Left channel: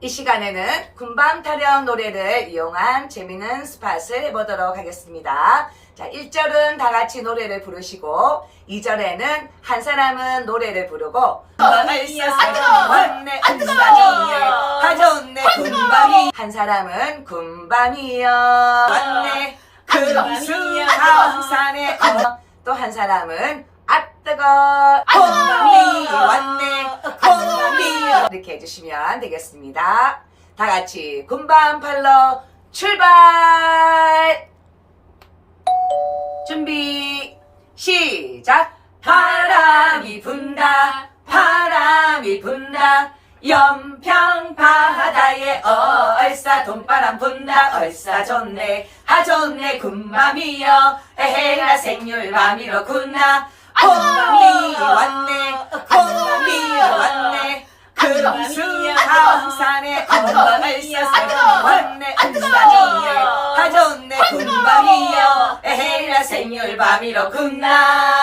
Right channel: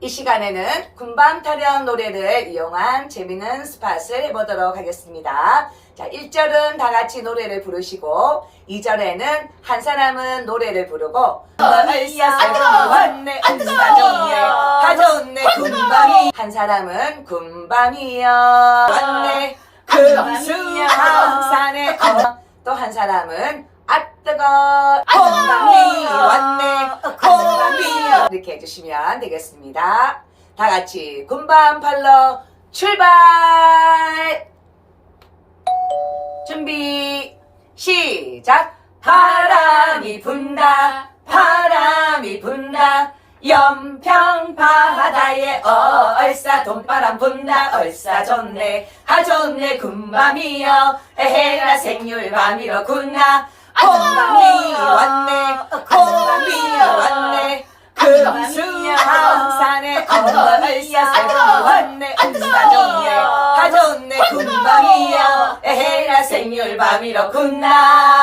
이 시간에는 군밤 타령 노래를 이용한 재미있는 스팟을 해보도록 하겠습니다. 자, 1절은 다 같이 노래를 부르시고, 2절에는 한 사람은 노래를 부르고, 군밤이여, 가졌네 군밤이. 한 사람은 군밤이여, 왔네 금수항산에. 또한 사람은 아뜨거 군밤이 왔네 이 이렇게 해주시면 되겠습니다. 다 같이 군밤 팔러 출발! 준비 시작! 바람이 분다 바람이 분다 연평 바다에 얼싸 돈바람 분다 얼싸 좋네 하 좋네 군밤이여 에헤라 생률 밤이로 군나 군밤이 왔네 금수항산에 얼싸 세상이 왔네. 하 좋네 군밤이여. 에헤라 생률 밤이로 군나